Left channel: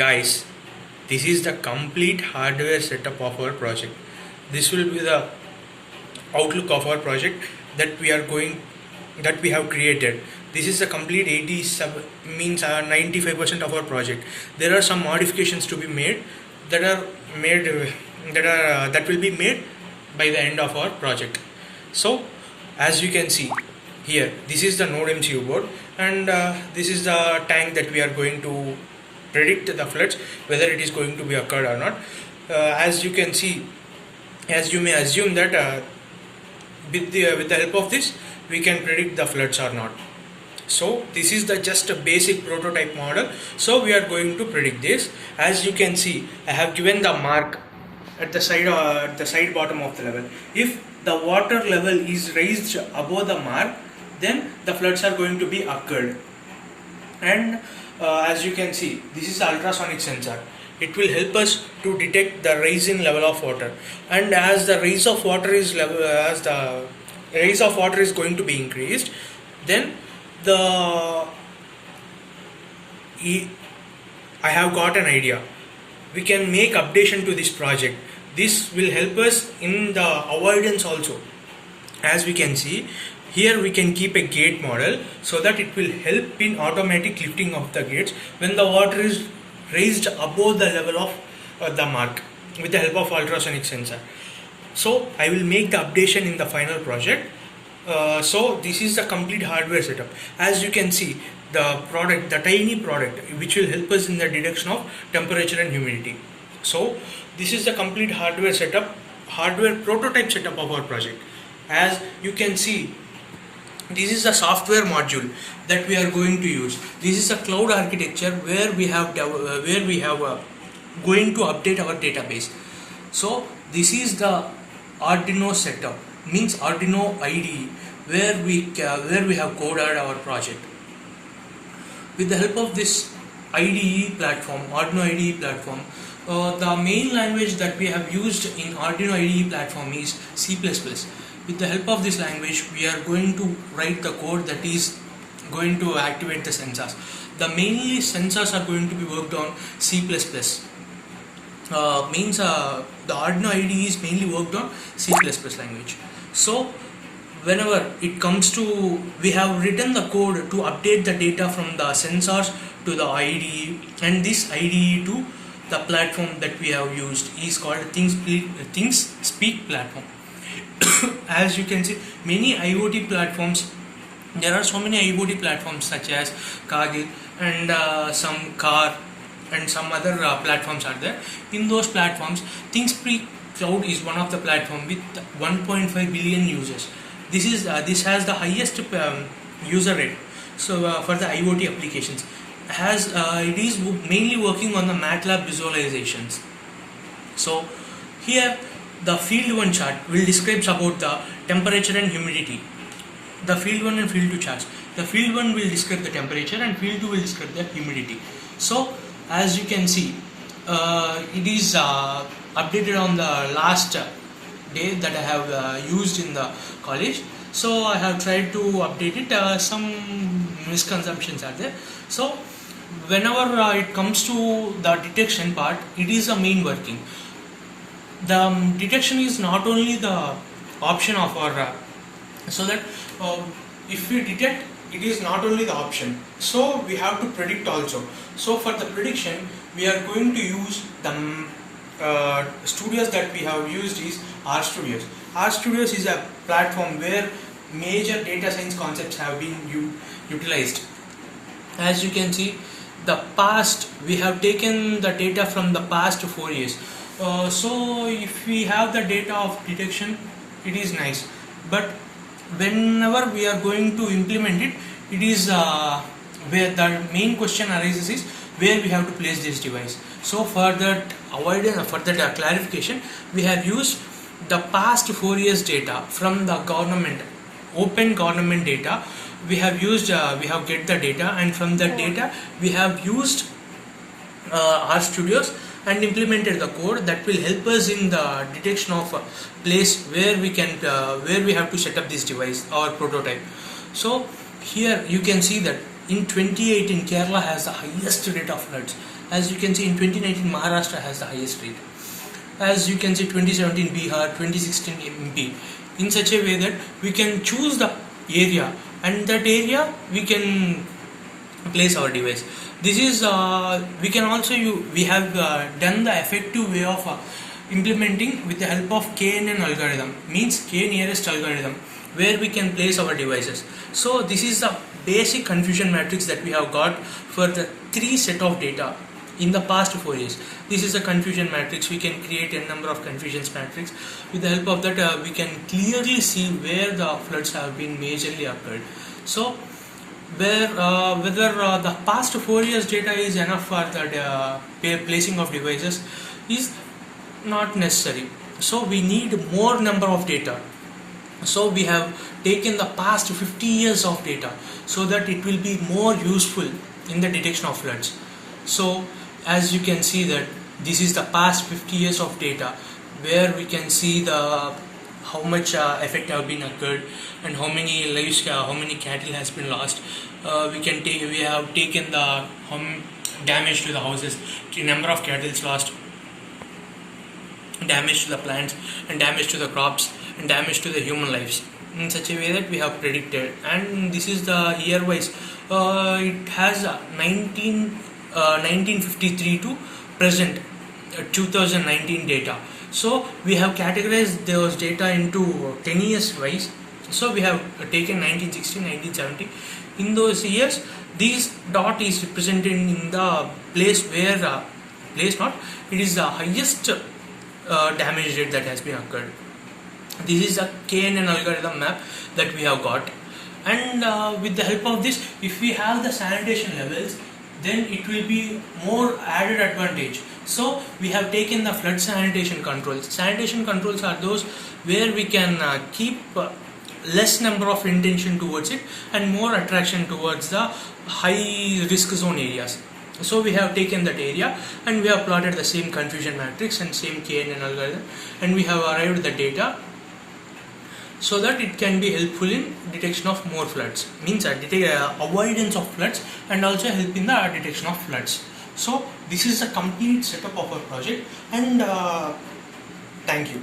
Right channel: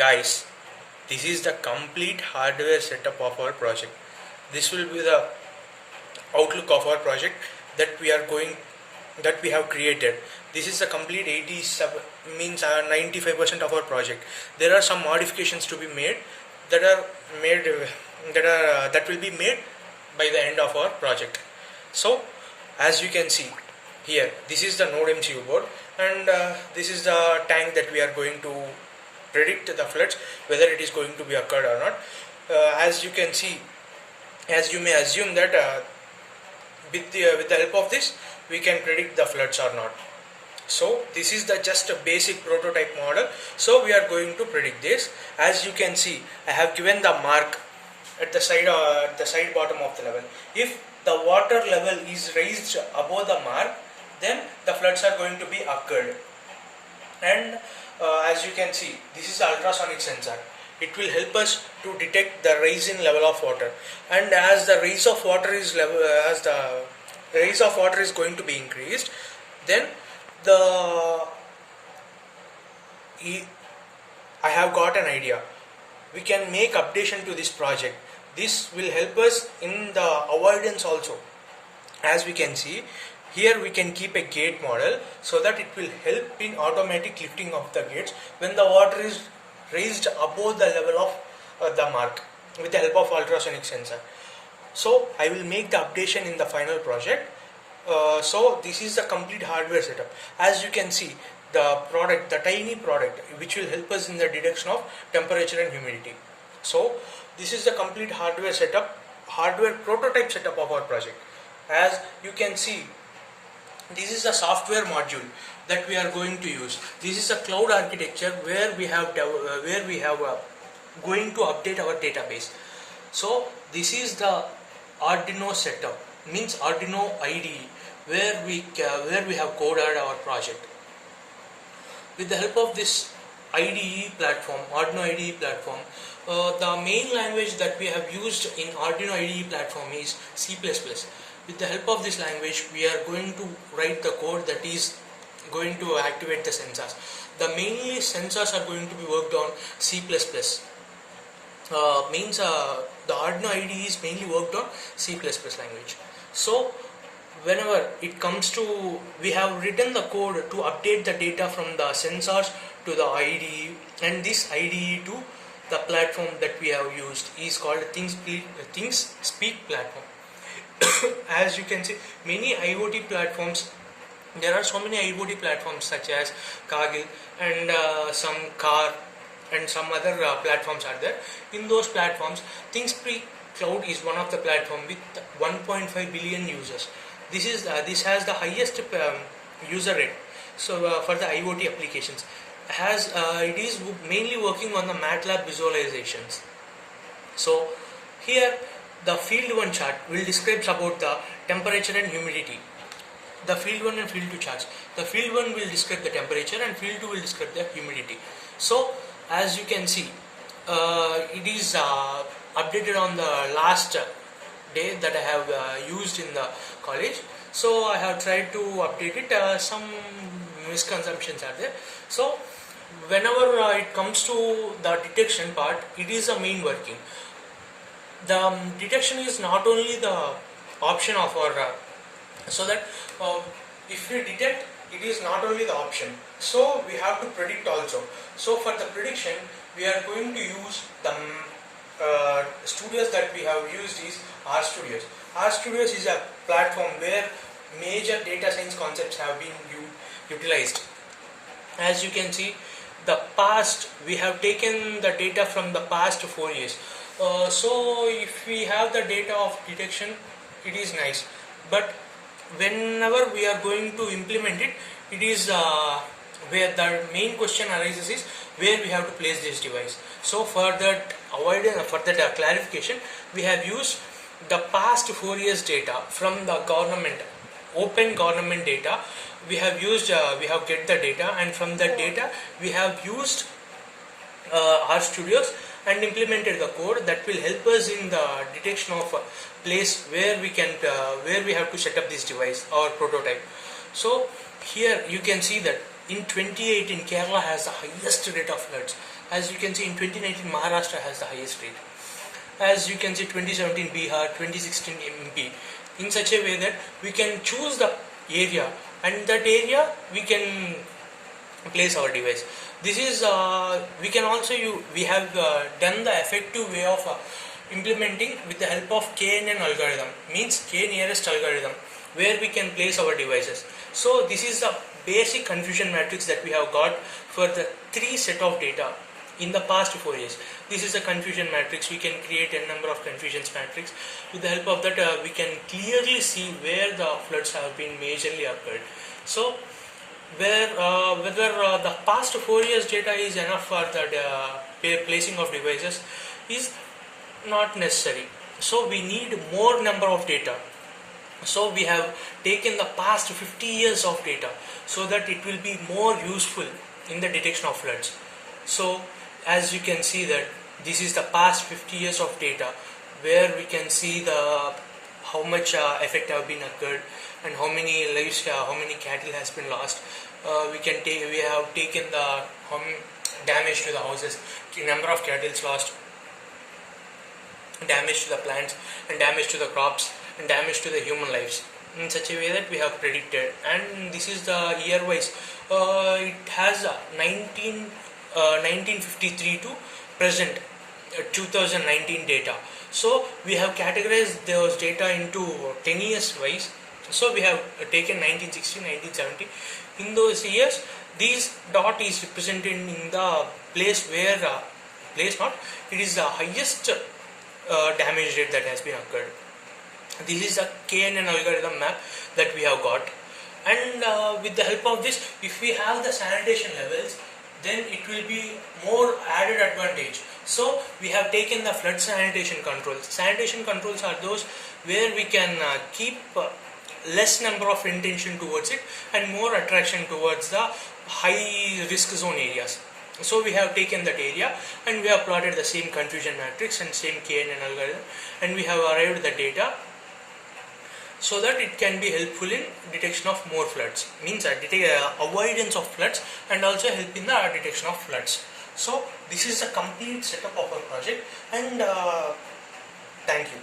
Guys, this is the complete hardware setup of our project. This will be the outlook of our project that we have created. This is the complete 80 means 95% of our project. There are some modifications to be made that are made that will be made by the end of our project. So as you can see here, this is the Node MCU board, and this is the tank that we are going to predict the floods, whether it is going to be occurred or not. As you can see, as you may assume that with the help of this we can predict the floods or not. So this is the just a basic prototype model. So we are going to predict this. As you can see, I have given the mark at the side bottom of the level. If the water level is raised above the mark, then the floods are going to be occurred. And as you can see, this is ultrasonic sensor. It will help us to detect the rising level of water. And as the rise of water is going to be increased, then I have got an idea. We can make updation to this project. This will help us in the avoidance also. As we can see here, we can keep a gate model so that it will help in automatic lifting of the gates when the water is raised above the level of the mark with the help of ultrasonic sensor. So I will make the updation in the final project. So this is the complete hardware setup. As you can see, the tiny product which will help us in the detection of temperature and humidity. So this is the complete hardware setup, hardware prototype setup of our project. As you can see, this is the software module that we are going to use. This is a cloud architecture where we have going to update our database. So this is the Arduino setup, means Arduino IDE, where we have coded our project. With the help of this IDE platform, Arduino IDE platform, the main language that we have used in Arduino IDE platform is C++. With the help of this language, we are going to write the code that is going to activate the sensors. The mainly sensors are going to be worked on C++. Means the Arduino IDE is mainly worked on C++ language. So whenever it comes to, we have written the code to update the data from the sensors to the IDE, and this IDE to the platform that we have used is called ThingSpeak platform. As you can see, many IoT platforms, there are so many IoT platforms such as Kaggle and some car and some other platforms are there. In those platforms, ThingSpeak Cloud is one of the platform with 1.5 billion users. This has the highest user rate. So for the IoT applications, it is mainly working on the MATLAB visualizations. So here the field 1 chart will describe about the temperature and humidity. The field 1 and field 2 charts. The field 1 will describe the temperature and field 2 will describe the humidity. So as you can see, it is updated on the last day that I have used in the college. So I have tried to update it. Some misconceptions are there. So whenever it comes to the detection part, it is the main working. The detection is not only the option of our so that if we detect, it is not only the option, so we have to predict also. So for the prediction, we are going to use the studios that we have used is RStudios. RStudios is a platform where major data science concepts have been utilized. As you can see, the past, we have taken the data from the past 4 years. So if we have the data of detection, it is nice, but whenever we are going to implement it, it is where the main question arises is where we have to place this device. So for that clarification, we have used the past 4 years data from the government, open government data. We have get the data, and from that data we have used RStudios and implemented the code that will help us in the detection of a place where we have to set up this device or prototype. So here you can see that in 2018 Kerala has the highest rate of floods. As you can see, in 2019 Maharashtra has the highest rate. As you can see, 2017 Bihar, 2016 MP. In such a way that we can choose the area, and that area we can place our device. This is we can also we have done the effective way of implementing with the help of KNN algorithm, means K nearest algorithm, where we can place our devices. So this is the basic confusion matrix that we have got for the 3 set of data in the past 4 years. This is a confusion matrix. We can create a number of confusions matrix. With the help of that, we can clearly see where the floods have been majorly occurred. So whether the past 4 years data is enough for the placing of devices is not necessary. So we need more number of data. So we have taken the past 50 years of data so that it will be more useful in the detection of floods. So as you can see that this is the past 50 years of data, where we can see the how much effect have been occurred and how many lives, how many cattle has been lost. We have taken the damage to the houses, number of cattle lost, damage to the plants, and damage to the crops, and damage to the human lives, in such a way that we have predicted. And this is the year wise. It has 1953 to present 2019 data. So we have categorized those data into 10 years wise. So we have taken 1960, 1970. In those years, this dot is represented in the place where it is the highest damage rate that has been occurred. This is a KNN algorithm map that we have got, and with the help of this, if we have the sanitation levels, then it will be more added advantage. So we have taken the flood sanitation controls. Sanitation controls are those where we can keep less number of intention towards it and more attraction towards the high risk zone areas. So we have taken that area and we have plotted the same confusion matrix and same KNN algorithm, and we have arrived at the data so that it can be helpful in detection of more floods, means avoidance of floods, and also help in the detection of floods. So this is a complete setup of our project, and thank you.